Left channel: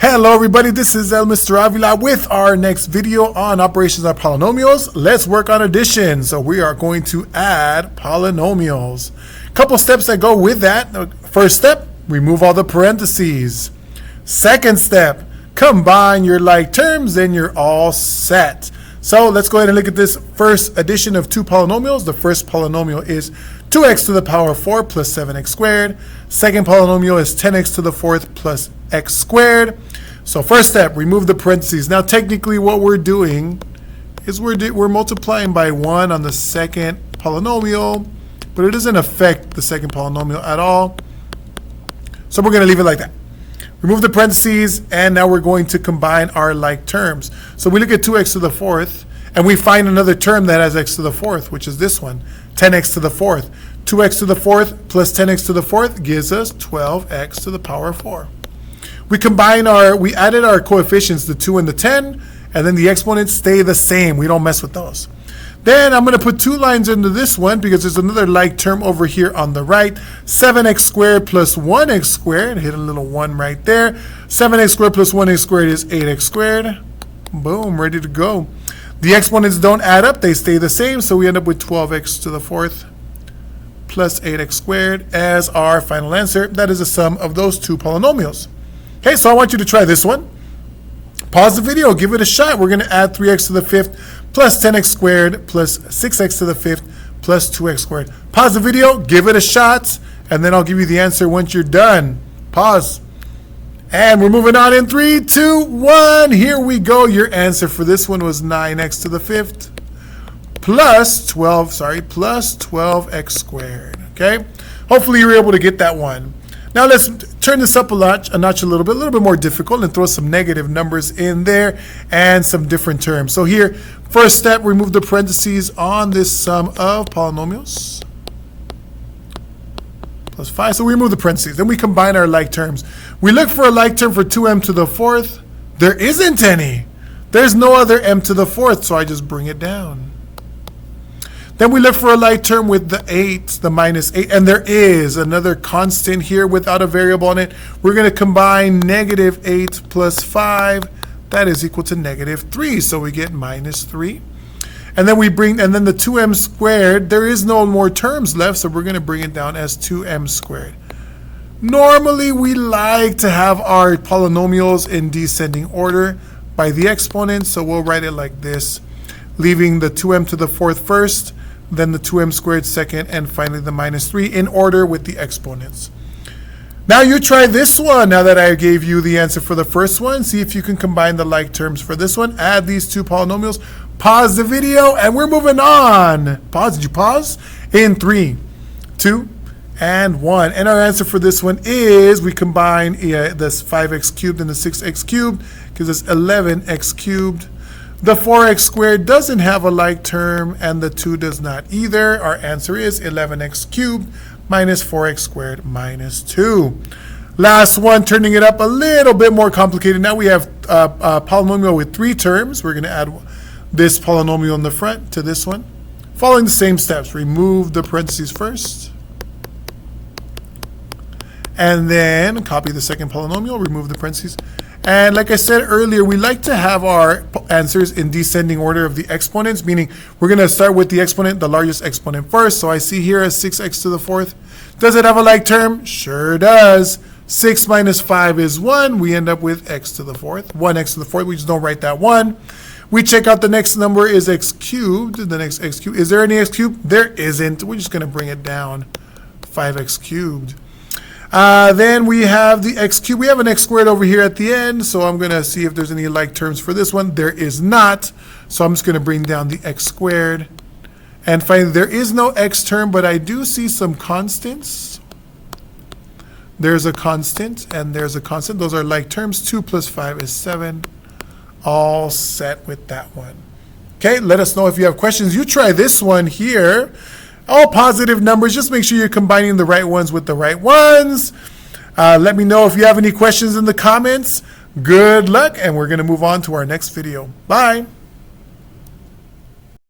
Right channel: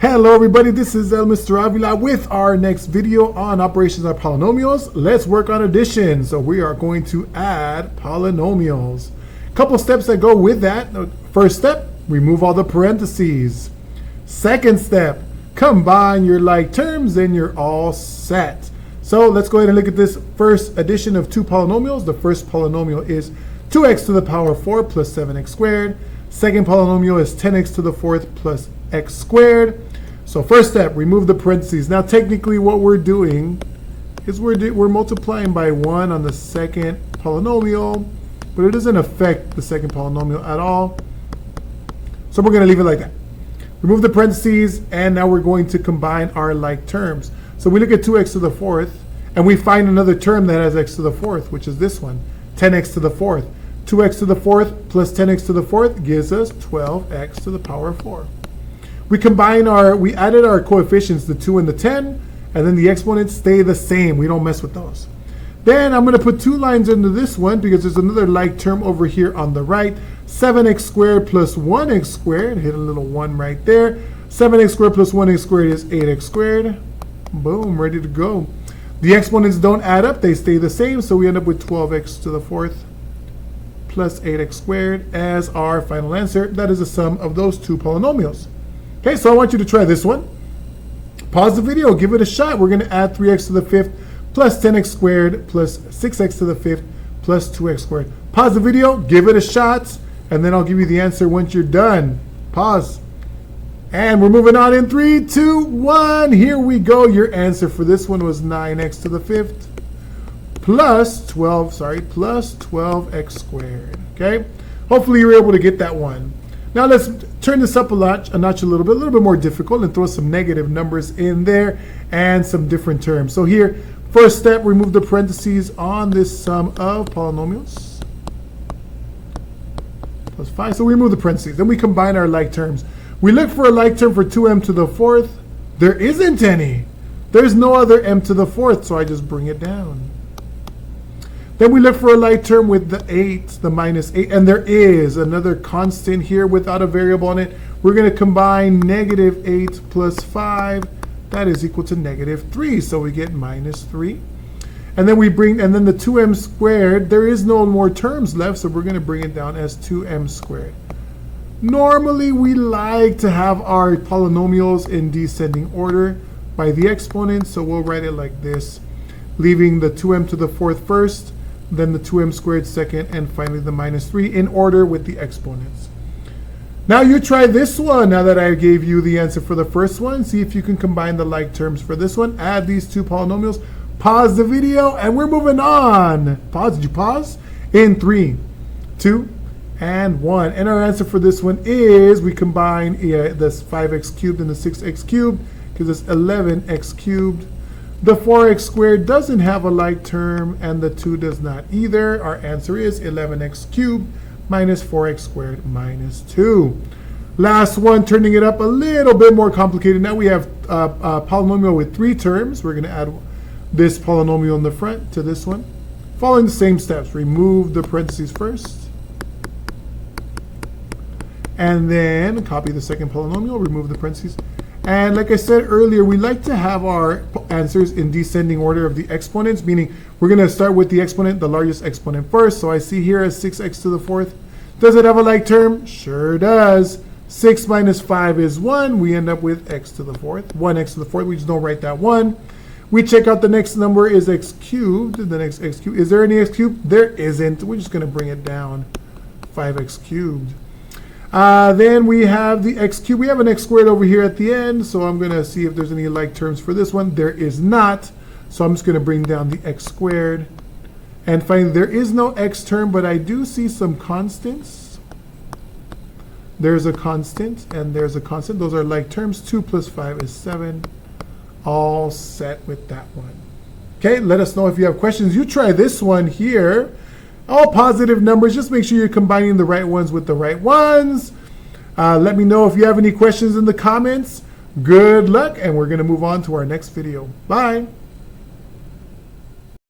Hello everybody, this is Mr. Avila with our next video on operations on polynomials. Let's work on addition. So we are going to add polynomials. Couple steps that go with that. First step, remove all the parentheses. Second step, combine your like terms and you're all set. So let's go ahead and look at this first addition of two polynomials. The first polynomial is 2x to the power 4 plus 7x squared. Second polynomial is 10x to the fourth plus x squared. So first step, remove the parentheses. Now technically what we're doing is we're multiplying by 1 on the second polynomial, but it doesn't affect the second polynomial at all. So we're going to leave it like that. Remove the parentheses, and now we're going to combine our like terms. So we look at 2x to the fourth, and we find another term that has x to the fourth, which is this one, 10x to the fourth. 2x to the fourth plus 10x to the fourth gives us 12x to the power 4. We added our coefficients, the 2 and the 10, and then the exponents stay the same. We don't mess with those. Then I'm going to put 2 lines into this one because there's another like term over here on the right. 7x squared plus 1x squared. Hit a little 1 right there. 7x squared plus 1x squared is 8x squared. Boom, ready to go. The exponents don't add up. They stay the same. So we end up with 12x to the fourth plus 8x squared as our final answer. That is the sum of those two polynomials. Okay, so I want you to try this one. Pause the video, give it a shot. We're going to add 3x to the fifth plus 10x squared plus 6x to the fifth plus 2x squared. Pause the video, give it a shot, and then I'll give you the answer once you're done. Pause. And we're moving on in 3, 2, 1. Here we go. Your answer for this one was 9x to the fifth plus 12x squared. Okay? Hopefully you're able to get that one. Now let's turn this up a notch a little bit more difficult, and throw some negative numbers in there and some different terms. So here, first step, remove the parentheses on this sum of polynomials. Plus 5, so we remove the parentheses. Then we combine our like terms. We look for a like term for 2m to the fourth. There isn't any. There's no other m to the fourth, so I just bring it down. Then we look for a like term with the 8, the minus 8, and there is another constant here without a variable on it. We're going to combine negative 8 plus 5. That is equal to negative 3, so we get minus 3. And then then the 2m squared, there is no more terms left, so we're going to bring it down as 2m squared. Normally, we like to have our polynomials in descending order by the exponents, so we'll write it like this, leaving the 2m to the fourth first, then the 2m squared second, and finally the minus 3 in order with the exponents. Now you try this one. Now that I gave you the answer for the first one, see if you can combine the like terms for this one. Add these two polynomials. Pause the video, and we're moving on. Pause. Did you pause? In 3, 2, and 1. And our answer for this one is we combine this 5x cubed and the 6x cubed, because it's 11x cubed. The 4x squared doesn't have a like term, and the 2 does not either. Our answer is 11x cubed minus 4x squared minus 2. Last one, turning it up a little bit more complicated. Now we have a polynomial with 3 terms. We're going to add this polynomial in the front to this one. Following the same steps, remove the parentheses first. And then copy the second polynomial, remove the parentheses. And like I said earlier, we like to have our answers in descending order of the exponents, meaning we're going to start with the exponent, the largest exponent first. So I see here as 6x to the fourth. Does it have a like term? Sure does. 6 minus 5 is 1. We end up with x to the fourth. 1x to the fourth. We just don't write that 1. We check out the next number is x cubed. The next x cubed. Is there any x cubed? There isn't. We're just going to bring it down. 5x cubed. Then we have the x cubed. We have an x squared over here at the end, so I'm going to see if there's any like terms for this one. There is not, so I'm just going to bring down the x squared. And finally, there is no x term, but I do see some constants. There's a constant, and there's a constant. Those are like terms. 2 plus 5 is 7. All set with that one. Okay, let us know if you have questions. You try this one here. All positive numbers. Just make sure you're combining the right ones with the right ones. Let me know if you have any questions in the comments. Good luck, and we're going to move on to our next video. Bye.